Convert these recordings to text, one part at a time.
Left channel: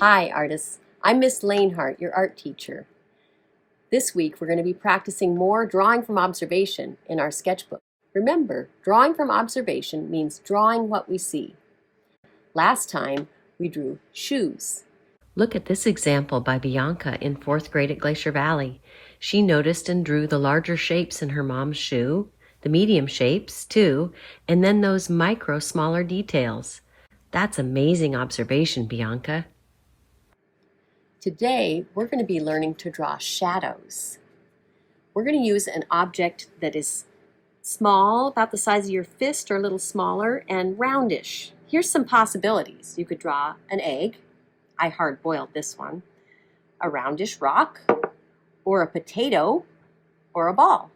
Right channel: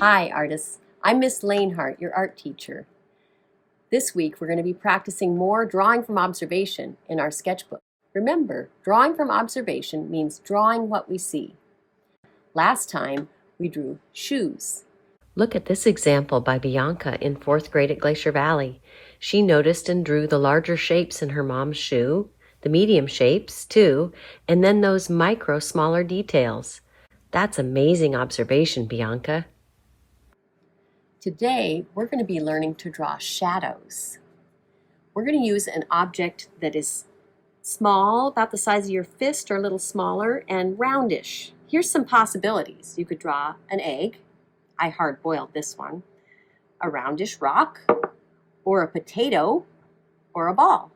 Hi artists, I'm Ms Lehnhart, your art teacher. This week we're going to be practicing more drawing from observation in our sketchbook. Remember, drawing from observation means drawing what we see. Last time we drew shoes. Look at this example by Bianca in 4th grade at Glacier Valley. She noticed and drew the larger shapes in her mom's shoe, the medium shapes too, and then those smaller details. That's amazing observation, Bianca. Today, we're going to be learning to draw shadows. We're going to use an object that is small, about the size of your fist or a little smaller, and roundish. Here's some possibilities. You could draw an egg. I hard-boiled this one. A roundish rock, or a potato, or a ball.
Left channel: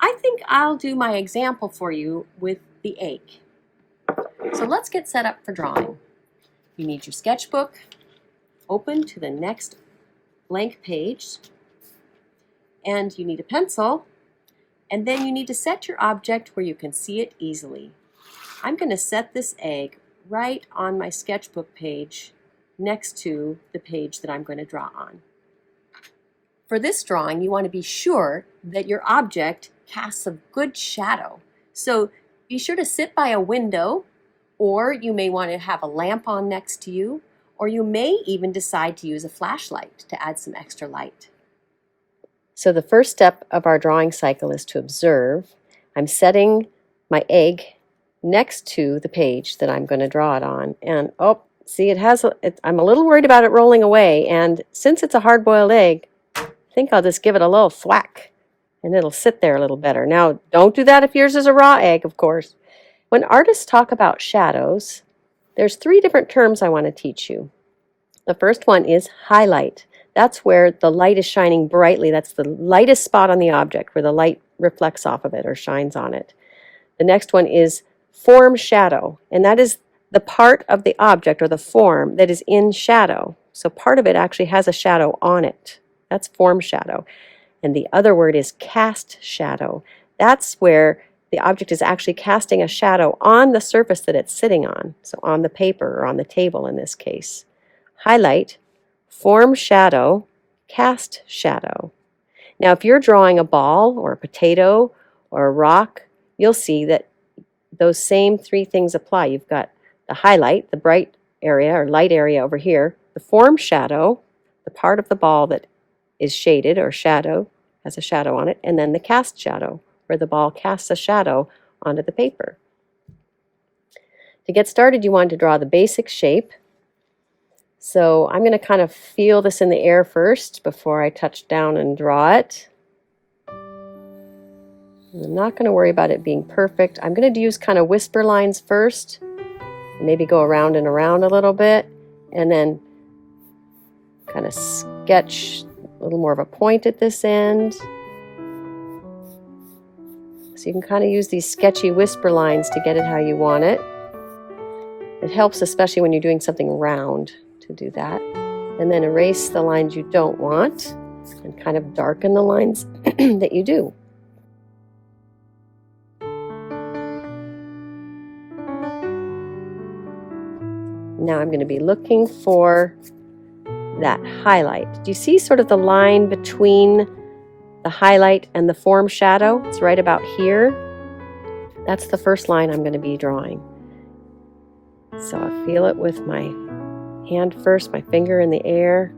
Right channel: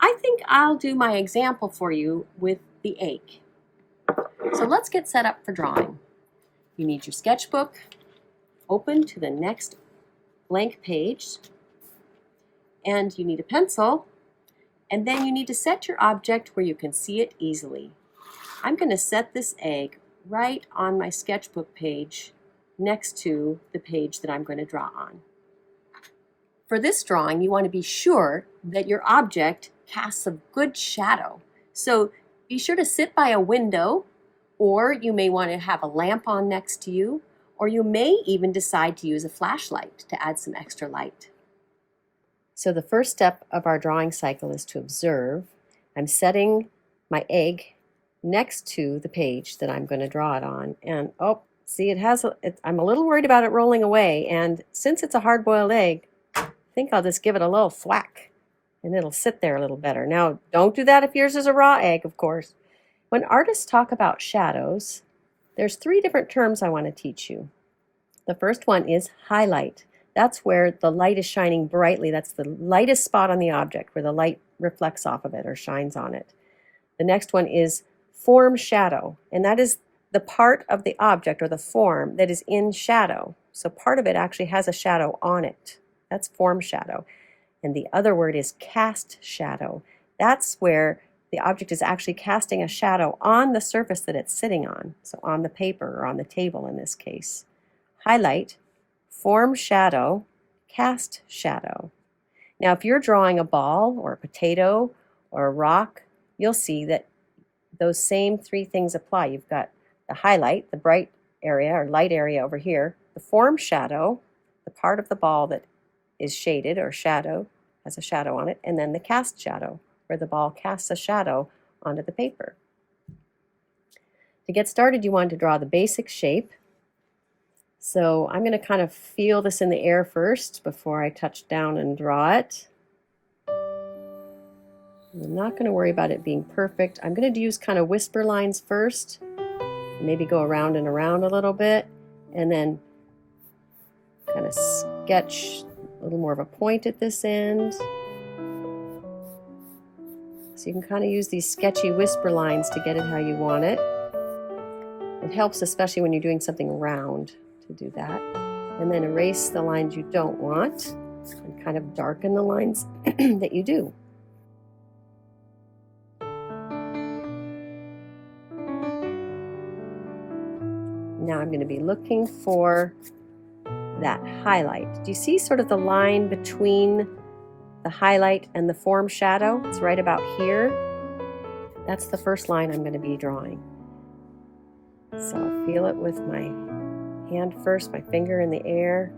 I think I'll do my example for you with the egg. So let's get set up for drawing. You need your sketchbook. Open to the next blank page, and you need a pencil, and then you need to set your object where you can see it easily. I'm going to set this egg right on my sketchbook page next to the page that I'm going to draw on. For this drawing, you want to be sure that your object casts a good shadow. So be sure to sit by a window, or you may want to have a lamp on next to you, or you may even decide to use a flashlight to add some extra light. So the first step of our drawing cycle is to observe. I'm setting my egg next to the page that I'm going to draw it on. And see, I'm a little worried about it rolling away. And since it's a hard-boiled egg, I think I'll just give it a little thwack and it'll sit there a little better. Now, don't do that if yours is a raw egg, of course. When artists talk about shadows, there's 3 different terms I want to teach you. The first one is highlight. That's where the light is shining brightly. That's the lightest spot on the object where the light reflects off of it or shines on it. The next one is form shadow, and that is the part of the object or the form that is in shadow. So part of it actually has a shadow on it. That's form shadow. And the other word is cast shadow. That's where the object is actually casting a shadow on the surface that it's sitting on, so on the paper or on the table in this case. Highlight, form shadow, cast shadow. Now if you're drawing a ball or a potato or a rock, you'll see that those same 3 things apply. You've got the highlight, the bright area or light area over here, the form shadow, the part of the ball that is shaded or shadow, has a shadow on it, and then the cast shadow, where the ball casts a shadow onto the paper. To get started, you want to draw the basic shape. So I'm going to kind of feel this in the air first before I touch down and draw it. I'm not going to worry about it being perfect. I'm going to use kind of whisper lines first, maybe go around and around a little bit, and then kind of sketch a little more of a point at this end. So you can kind of use these sketchy whisper lines to get it how you want it. It helps especially when you're doing something round to do that. And then erase the lines you don't want and kind of darken the lines that you do. Now I'm going to be looking for that highlight. Do you see sort of the line between the highlight and the form shadow? It's right about here. That's the first line I'm going to be drawing. So I feel it with my hand first, my finger in the air,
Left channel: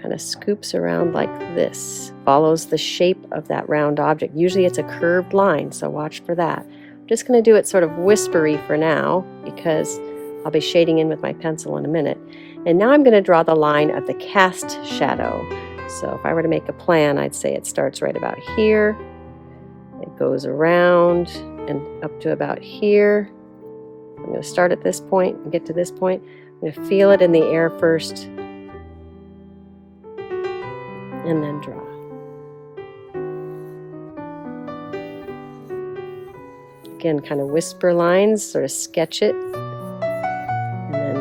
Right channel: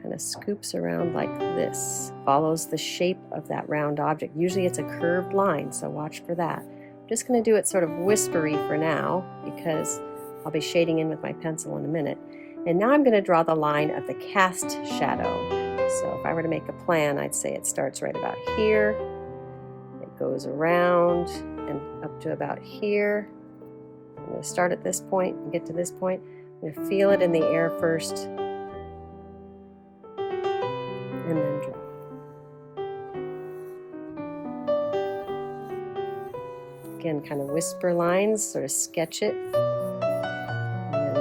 kind of scoops around like this, follows the shape of that round object. Usually it's a curved line, so watch for that. I'm just going to do it sort of whispery for now because I'll be shading in with my pencil in a minute. And now I'm going to draw the line of the cast shadow. So if I were to make a plan, I'd say it starts right about here. It goes around and up to about here. I'm going to start at this point and get to this point. I'm going to feel it in the air first and then draw. Again, kind of whisper lines, sort of sketch it, and then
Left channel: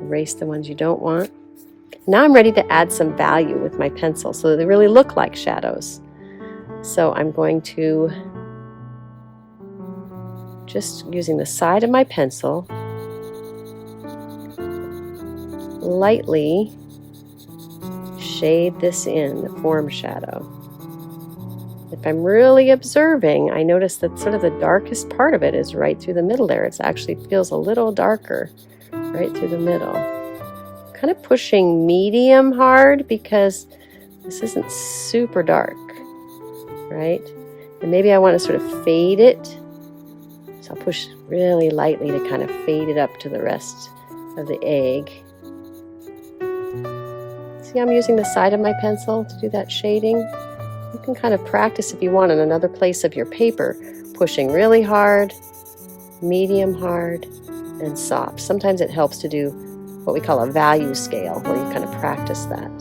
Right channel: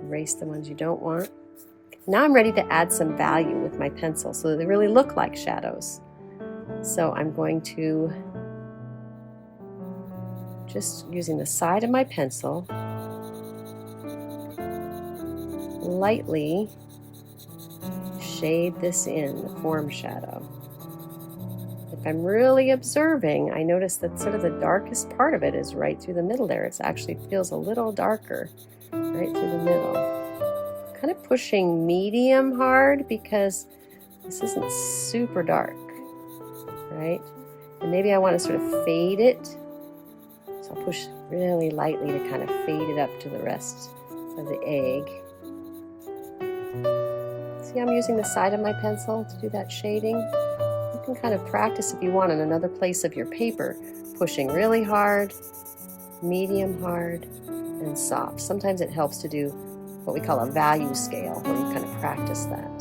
erase the ones you don't want. Now I'm ready to add some value with my pencil so that they really look like shadows. So I'm going to, just using the side of my pencil, lightly shade this in, the form shadow. If I'm really observing, I notice that sort of the darkest part of it is right through the middle there. It actually feels a little darker right through the middle. Kind of pushing medium hard because this isn't super dark, right? And maybe I want to sort of fade it. So I'll push really lightly to kind of fade it up to the rest of the egg. See, I'm using the side of my pencil to do that shading. You can kind of practice if you want in another place of your paper, pushing really hard, medium hard, and soft. Sometimes it helps to do what we call a value scale, where you kind of practice that,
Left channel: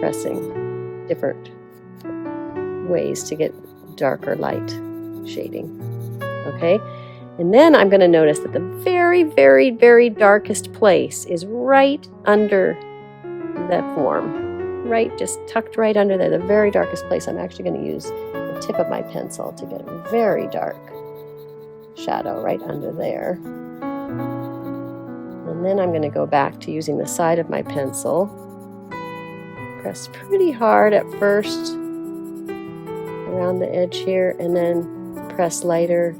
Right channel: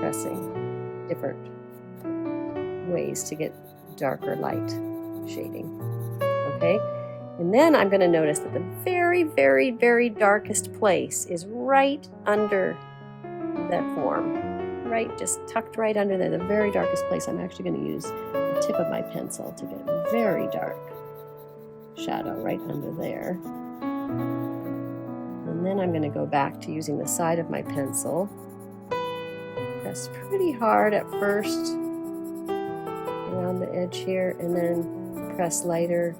pressing different ways to get dark or light shading. Okay? And then I'm going to notice that the very, very, very darkest place is right under that form. Right, just tucked right under there, the very darkest place. I'm actually going to use the tip of my pencil to get a very dark shadow right under there. And then I'm going to go back to using the side of my pencil. Press pretty hard at first around the edge here, and then press lighter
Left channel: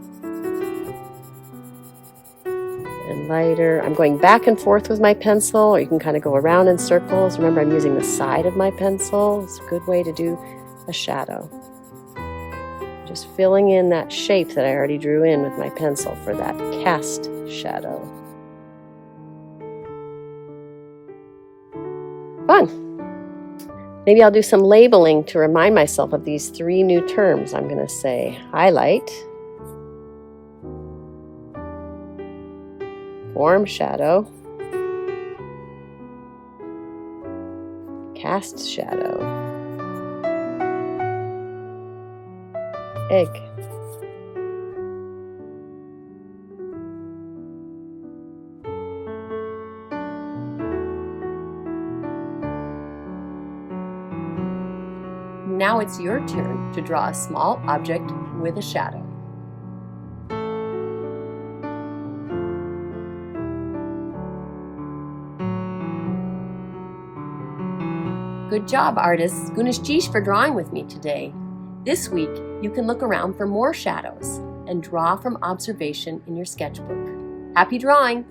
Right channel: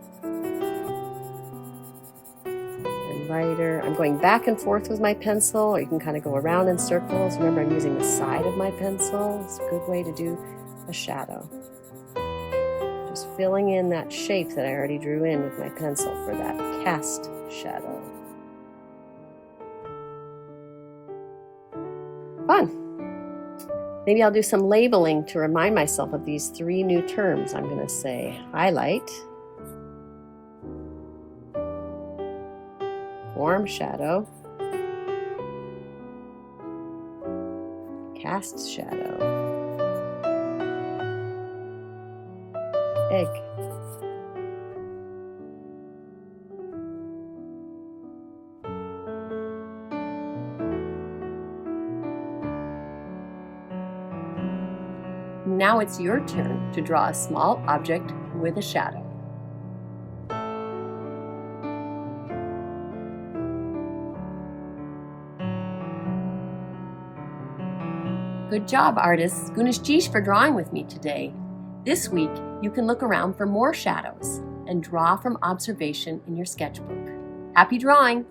and lighter. I'm going back and forth with my pencil, or you can kind of go around in circles. Remember, I'm using the side of my pencil. It's a good way to do a shadow. Just filling in that shape that I already drew in with my pencil for that cast shadow. Fun. Maybe I'll do some labeling to remind myself of these 3 new terms. I'm going to say highlight, form shadow, cast shadow, egg. Now it's your turn to draw a small object with a shadow. Good job, artists. Gunash for drawing with me today. This week, you can look around for more shadows and draw from observation in your sketchbook. Happy drawing!